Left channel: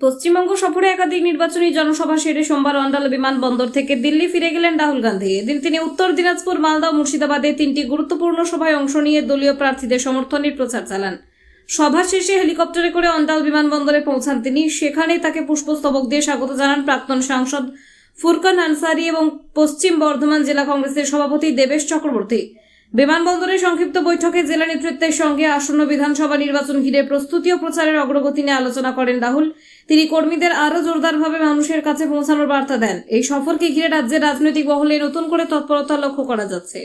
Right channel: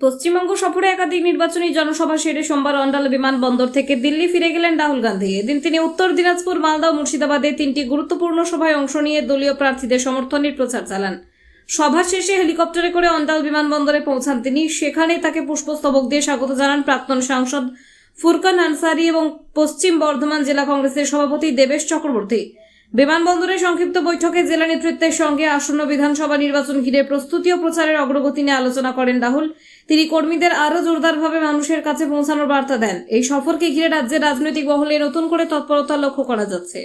পশ্চিমবঙ্গ সফরে একাধিক নির্বাচনী জনসভা সেরে সোমবার অন্ডাল বিমানবন্দর থেকে দিল্লি ফিরে গেলেন রাহুল গান্ধী। এদিন তিনি উত্তর দিনাজপুর, মালদা ও মুর্শিদাবাদে তিনটি গুরুত্বপূর্ণ সভায় অংশ নিয়ে দলীয় প্রার্থীদের সমর্থনের প্রচার চালান। সভা শেষে হেলিকপ্টারে করে অন্ডাল বিমানবন্দরে পৌঁছান তিনি। সেখানে তাকে পুষ্পস্তবক দিয়ে স্বাগত জানান প্রাক্তন সাংসদ ফুরকান আনসারি এবং পশ্চিম বর্ধমান জেলা কংগ্রেসের সভাপতি দেবেশ চক্রবর্তী। বিমানবন্দরে সংক্ষিপ্ত বৈঠকে জেলা নেতৃত্বের সঙ্গে আসন্ন বিধানসভা নির্বাচন ঘিরে প্রস্তুতি ও প্রচারের অগ্রগতি নিয়ে আলোচনা করেন রাহুল। তিনি কর্মীদের আরও জোরদারভাবে মানুষের কাছে পৌঁছানোর বার্তা দেন। এই সফরকে ঘিরে রাজ্যের রাজনৈতিক মহলে নতুন করে তৎপরতা লক্ষ্য করা যাচ্ছে।